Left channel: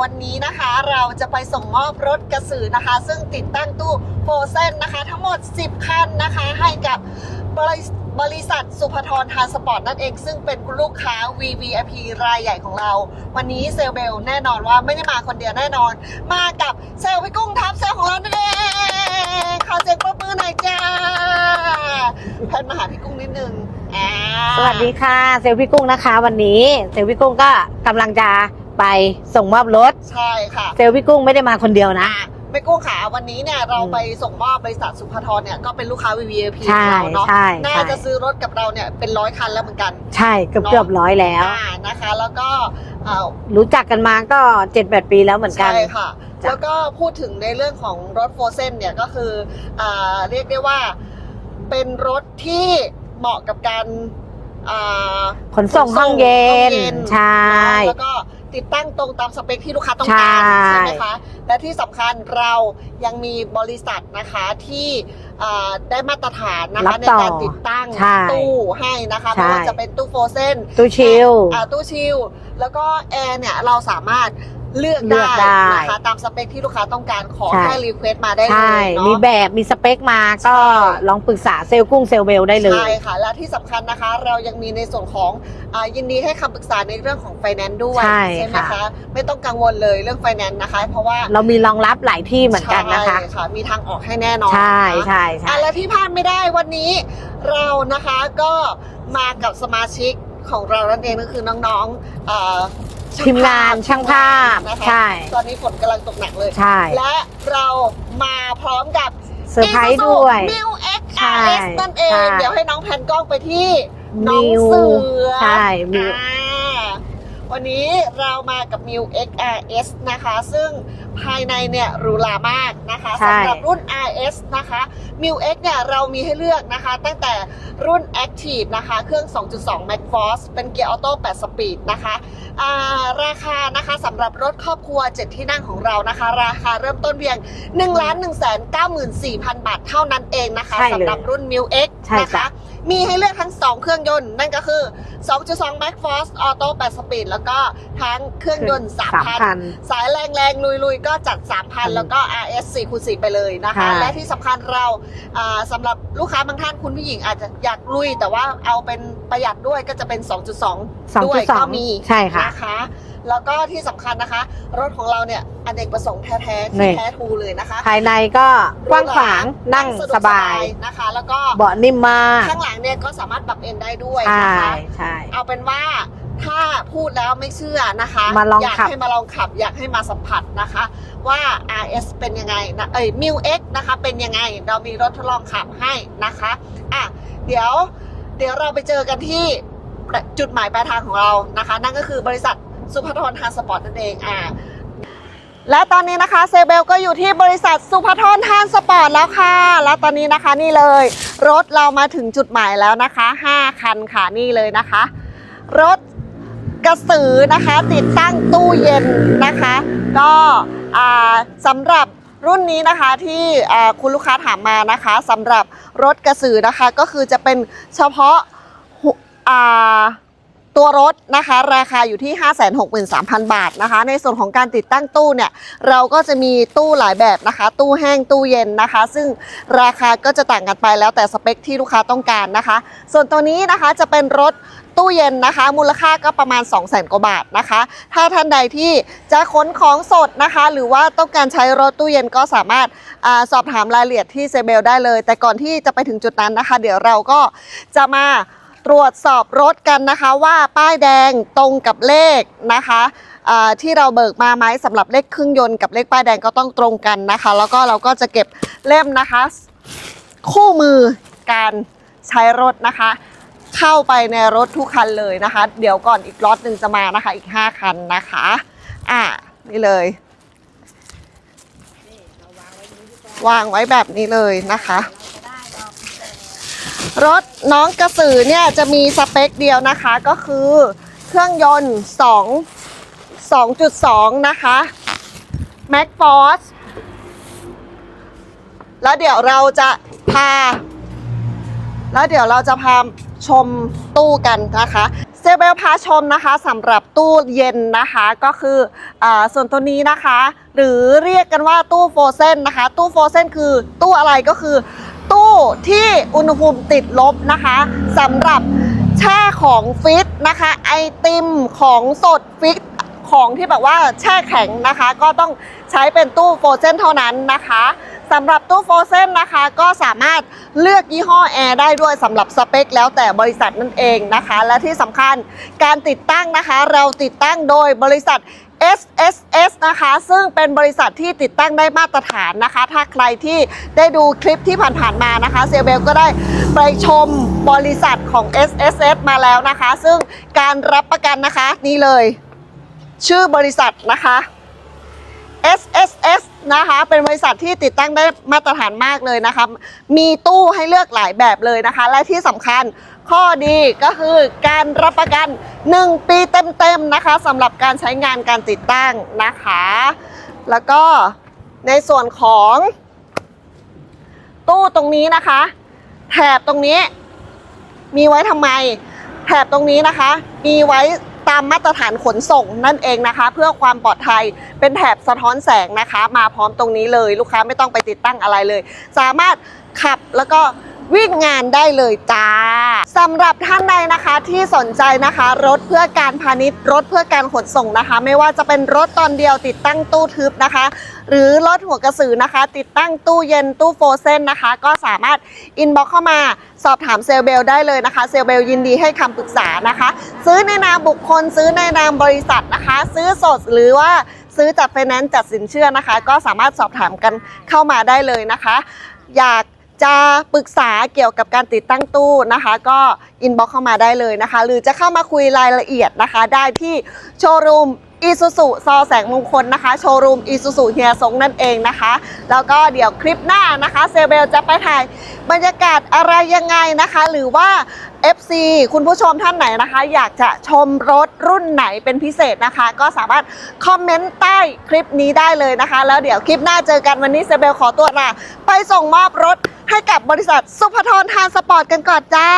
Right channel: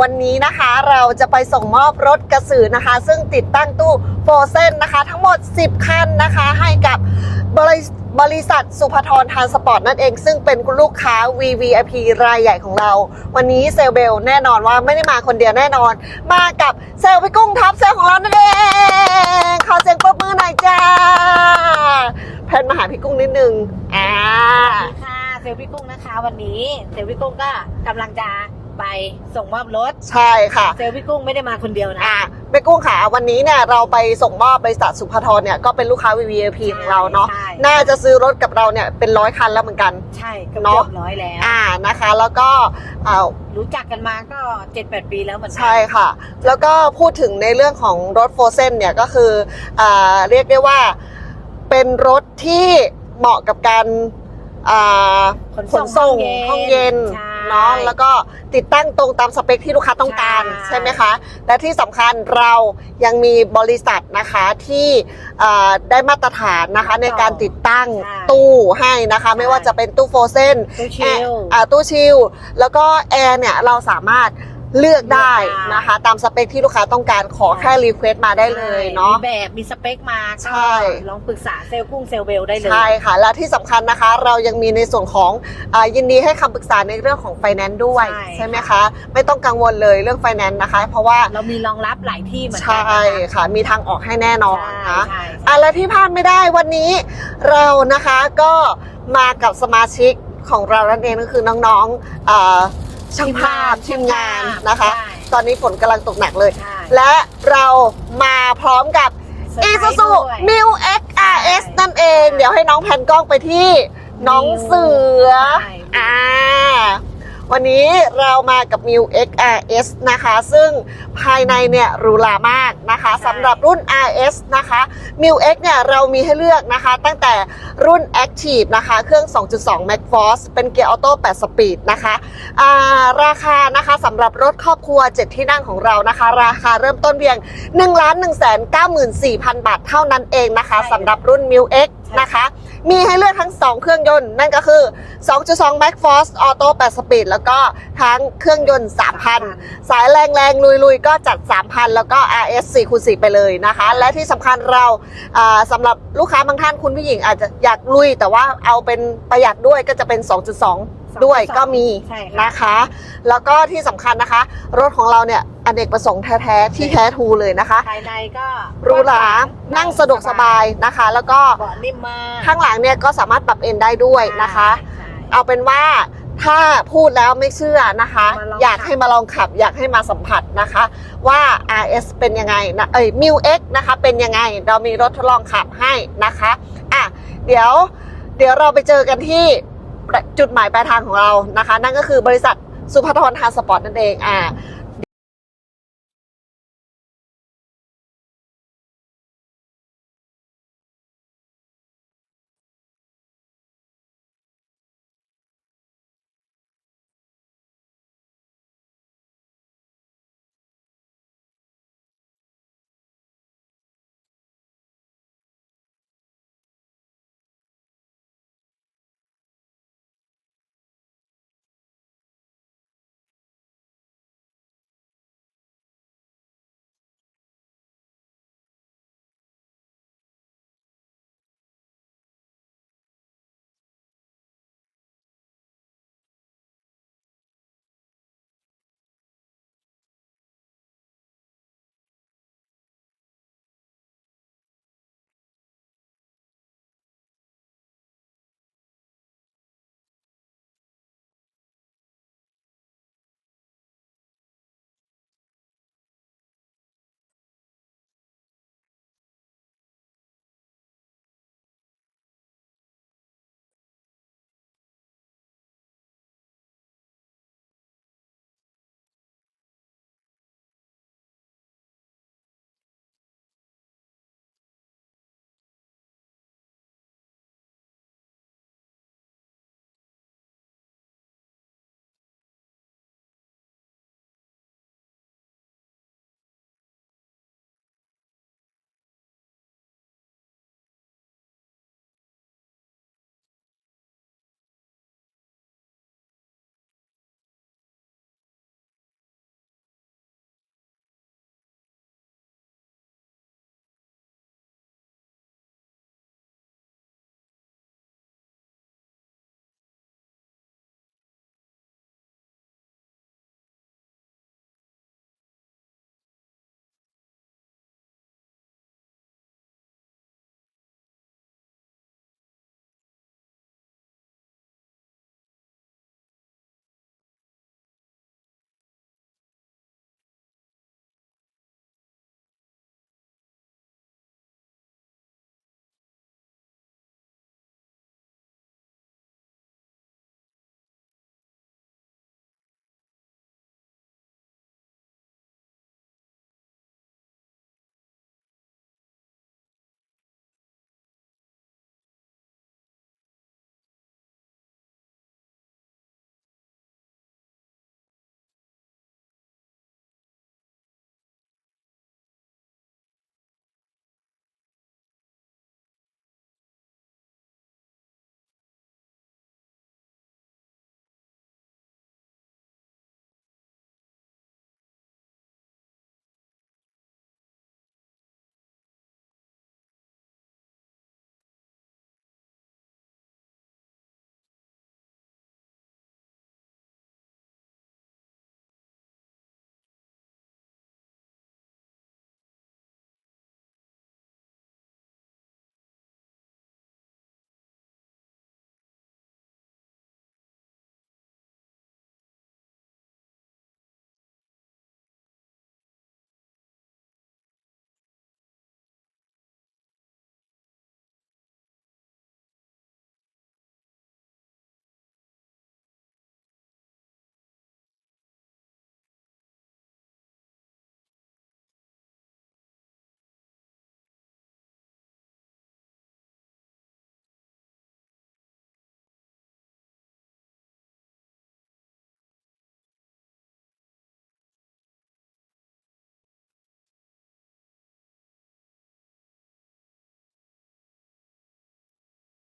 วันนี้นะคะเราจะไปส่งมอบรถกระสือนะคะ ซึ่งติดตั้งตู้โฟเซนนะคะ ทั้งหมด 10 คันนะคะ ให้กับบริบริษัทสุภทรทานสปอร์ตนั่นเอง ซึ่งเป็นลูกค้า VVIP รายใหญ่ของเรา วันนี้เซลเบลแน่นอนว่าไม่ได้มาคนเดียวแน่นอน มากับเซลพี่กุ้งท็อปเซลของเรานั่นเองขอเสียงปรบมือหน่อยจ้าแพนมาหาพี่กุ้งนิดนึงอ่าสวัสดีค่ะ เซลพี่กุ้งนะคะ วันนี้เซลพี่กุ้งก็กำลังจะ ไปส่งมอบรถ ใช่ค่ะ เซลพี่กุ้งไม่ได้มาคนเดียวนะ อะแม่กุ้งขาวันนี้เนี่ยเราไปส่งมอบบริษัทสุภทรเนี่ยก็เป็นลูกค้า VVIP ใช่ของเราเนาะใช่ น่าใช่จะซื้อรถกับเราเนี่ยเป็นร้อยคันแล้วเหมือนกัน ใช่เกือบเนอะ เกือบร้อยแล้ว อ่านะคะ แล้วก็อ่ารู้จักกันมาก็เจ็ดแปดปีแล้วเหมือนกันใช่ค่ะ แล้วก็พูดถึงในเรื่องของรถโฟเซนเนี่ยก็คืออ่าเรียกได้ว่าเป็นรถที่เหมาะกับการอ่า ขนส่งห้องเย็ห้องเย็นนใช่ เนาะแล้วก็ ติดตั้งตรงตามสเปคที่ลูกค้าต้องการใช่ใช่ไหมคะ และที่สำคัญเรายังมีบริษัทนะคะที่อ่าได้มาตรฐานนะคะรับในต่อการติดตั้งใช่ตู้ให้นะคะใช่ไม่ว่าจะเป็นตู้โฟเซนตู้ชิลอ่าตู้ชิลแล้วก็แอร์เนี่ยเราสามารถ เลือกได้เลือกได้นะคะตามสเปคที่ลูกค้าต้องการขอใช่แค่รีเควสต์มาได้เลใช่ยเนาะมีแบบมีสเปคมาก็ใช่ลองปรึกษาเซลกุ้งเซลเบลได้เลยใช่ค่ะ และที่สำคัญนะคะ เรายังมีในส่วนของอายินดีให้คำปรึกษาในเรื่องของไฟแนนซ์ด้วยใช่ไหมค่ะคะไม่ต้องกังวลเลยเรื่องไฟแนนซ์นะคะ เพราะว่าเรามีรองรับหลายที่เหมือนกันนะคะใช่ค่ะมีทางออกให้แน่นอนใช่นะคะใช่อะใช่และที่พลาดไม่ได้วันนี้เรานะคะก็มากับสมาชิกของเรานั่นเองก็คือน้องๆ เอ่อทีมงานช่างภาพนะคะ ใช่ ตอนนี้ฝนกำลังตกหนักเลย ใช่และเรามาพร้อมกับ เซอร์ไพรส์ด้วย New X ใช่ RS นั่นเอง ใช่เดี๋ยวให้น้องแพนกล้องไปที่น้องเสือใช่มีอ่า วันนี้เรามากับ New X RS นะคะ ซึ่งภายในเนี่ยหรูหรามากนะคะใช่ สำหรับรุ่น RS นะคะ New X เนี่ยเรามีให้เลือกนะคะ ตั้งแต่รุ่น Active นะคะ เครื่อง 2.2 Max Force เป็นเกียร์ออโต้8สปีดนะคะอ่าราคานะคะสำหรับรถครอบครัว 7 ที่นั่งของเรานะคะ ราคาเริ่มต้นเพียง 1 1 9 4 0 0 0 บาทเท่านั้นเองนะคะใช่เลยสำหรับรุ่น New X ใช่นะคะค่ะ มีให้เลือกทั้ง 2 เครื่องยนต์ นั่นก็คือ 2.2 Max Force Auto 8 Speed แล้วก็ทั้งเครื่องยนต์ 3,000 สายแรงแรงลุยลุยๆก็จัด 3,000 แล้วก็ RS 4คูณ4ไปเลยนะคะค่ะและที่สำคัญเราอ่าสำหรับลูกค้าบางท่านคุณผู้หญิงอาจจะอยากลุย แต่ว่าเอาเป็นประหยัดด้วยก็จะเป็น 2.2 ด้วย2.2ก็มีใช่ค่ะนะคะ แล้วก็ที่สำคัญนะคะ รถของเราเนี่ย อเนกประสงค์แท้ๆที่นี่แท้ทูเลยนะคะ ภายในก็หรูหรางนั่งสะดวกสบายนะคะ แล้วก็เบาะนิ่มมากข้างหลังเนี่ยก็สามารถปรับเอนได้ด้วยนะคะใช่ใช่เอาเป็นว่าถ้าพูดแล้วไม่เชื่อนะคะมาลองอยากขับให้มาลองขับ อยากให้มาสัมผัสนะคะ ว่า RS เป็นยังไงนะเอ้ย m u X นะคะ เป็นยังไง เรามีรถทดลองขับให้นะคะอะเดี๋ยวเดี๋ยวเราไปเจอกันที่จุดหมายปลายทางของเรานะคะ นั่นก็คือบริษัทสุภทรทานสปอร์ตนั่นเองอะ และตอนนี้นะคะเซเบลก็อยู่ที่บริษัทสุภทรทานสปอร์ตแล้วค่ะ แล้วตอนนี้นะคะนี่เลย รถเรามาถึงจุดหมายแล้วนะคะ 5 คันค่ะนี่เลยนะคะ รถกระสือนะคะ ติดตั้งตู้เย็นนะคะ ก็สำหรับรุ่นนี้นะคะที่คุณลูกค้าถามมานะคะสำหรับรถกระสือนะคะก็คือจะเป็นเฉพาะ ตัวรถนะคะราคาอยู่ที่ 563,000 บาทนะคะ ในส่วนของการติดตั้งตู้เนี่ยเราก็จะมีตู้หลายแบบนะคะ ตู้แห้งตู้เย็นนะคะ ซึ่งราคาก็จะต่างกันไปแล้วแต่สเปคที่ลูกค้าต้องการนะคะ ส่วนตัวนี้นะคะจะเป็นรถตู้เย็นนะคะ มูลค่าก็ประมาณ 2 0 0 0 0 0กว่าบาทนะคะ ถ้าท่านใดที่จะขนของสดนะคะ หรือว่าต้องการใช้รถตู้เย็นก็สามารถอสอบถามรายละเอียดที่เซเบลได้เลย แต่ก่อนที่จะไปถึงจุดนั้นนะคะ เดี๋ยวเราก็จะมา ตรวจสอบรถกันนะคะว่าป้ายแดงตรงกับเลขนะคะที่เราเบิกมาไหมสำหรับเลขเครื่องยนต์กับเลขป้ายแดงก็ต้องตรงกันนะคะ แล้วก็เราก็จะเก็บเล่มนะคะ คู่มือการใช้รถนะคะ เข้าไปในรถทุกคันเลยนะคะ เดี๋ยวก่อนอีกล็อตหนึ่งจะมานะคะอีก 5 คันนะคะอ่านี่เลยวางไว้แบบนี้เลยนะคะ รถน้องกระสือเนี่ยจะมีสเปคเดียวนะคะก็คือเครื่องยนต์ 2 2.2 นะคะ Max Force แล้วเดี๋ยวเราจะพา แล้วเดี๋ยวเราจะพาชมตู้กันนะคะเซเบลพาชมนะคะสำหรับตู้เย็นนะคะก็คืออส่วนตัวนี้นะคะ หรือเรียกกันว่าตู้โฟเซนนะคะ ตู้โฟเซนคือตู้อะไรก็คือ ตู้ที่อุณหภูมิติดลบนะคะสำหรับแช่ของฟิตนะคะ ไอติมของสดฟิตของที่แบบว่าแช่แข็งนะคะ ก็ต้องใช้เป็นตู้โฟเซนเท่านั้นนะคะสำหรับตู้โฟเซนนะคะก็สามารถเลือกยี่ห้อแอร์ได้ด้วยสำหรับสเปค แล้วแต่บริษัทนั่นเองนะคะ และที่สำคัญการติดตั้งนะคะ เราติดตั้งโดยบริษัท SSS นะคะ ซึ่งเป็นบริษัทที่ติดตั้งได้มาตรฐานนะคะ ถ้าใครที่ได้ดูคลิปที่ผ่านๆมานะคะเซเบลก็ได้ไปชมบริษัทของ SSS มาแล้วนะคะ ซึ่งการรับประกันนะคะนี่เลย ชื่อบริษัทนะคะ SSS นะคะ เป็นบริษัทที่ติดตั้งได้มาตรฐานมากเลยนะคะ มีตู้ให้เลือกหลายแบบเลยนะคะ และที่สำคัญข้อดีก็คือการรับประกัน 1 ปีเต็มๆนะคะสำหรับการใช้งานการติดตั้งนะคะ แล้วก็ในส่วนของตู้ตรงนี้นะคะ แถบตรงนี้มีไว้ทำไม แถบตรงนี้นะคะ มีไว้ ตามมาตรฐานขนส่งนั่นเองนะคะ เพื่อความปลอดภัยเป็นแถบสะท้อนแสงนะคะ มาพร้อมตรงนี้เลยลูกค้าไม่ต้องไปติดตั้งอะไรเลย สามารถขับแล้วก็วิ่งงานได้เลยจ้า สำหรับท่านใดนะคะที่สนใจนะคะ รถเพื่อการพาณิชย์ รถเพื่อการขนส่งนะคะ ไม่ว่าจะเป็นรถตอนเดียวติดตั้งตู้ทึบนะคะ หรือรถหัวกระสือนะคะ ติดตั้งตู้เย็นตู้โฟเซนนะคะ ก็สามารถอินบ็อกเข้ามาสอบถามเซลเบลได้เลยนะคะ เซลเบลยินดีให้คำปรึกษานะคะ ซื้อในนามบุคคล ซื้อในนามบริษัทนะคะ ซื้อสดหรือว่าซื้อจัดไฟแนนซ์จัดสินเชื่อนะคะ ก็สามารถสอบถามกันเข้ามาได้เลยนะคะ อยาก จะปรึกษาเกี่ยวกับการติดตั้งตู้นะคะ ก็อินบ็อกเข้ามาได้เลยนะคะ หรือจะเข้ามาคุยรายละเอียดนะคะ ได้ที่โชว์รูมอีซูซูซอแสงมงคลนะคะ โชว์รูมอีซูซูเฮียซงนั่นเองนะคะ แล้วก็เดี๋ยวคลิปหน้านะคะ เซเบลจะไปถ่ายบรรยากาศอะไรยังไงนะคะ หรือว่า FC คุณผู้ชมท่านไหนนะคะ อยากจะชมรถรุ่นไหนเป็นพิเศษนะคะ ก็สามารถคอมเมนต์ใต้คลิปนี้ได้เลยนะคะ แล้วเดี๋ยวคลิปหน้าเจอกันวันนี้เซเบลขอตัวลาไปส่งมอบรถ ให้กับบริษัทสุภทรทานสปอร์ตกันก่อนจ้า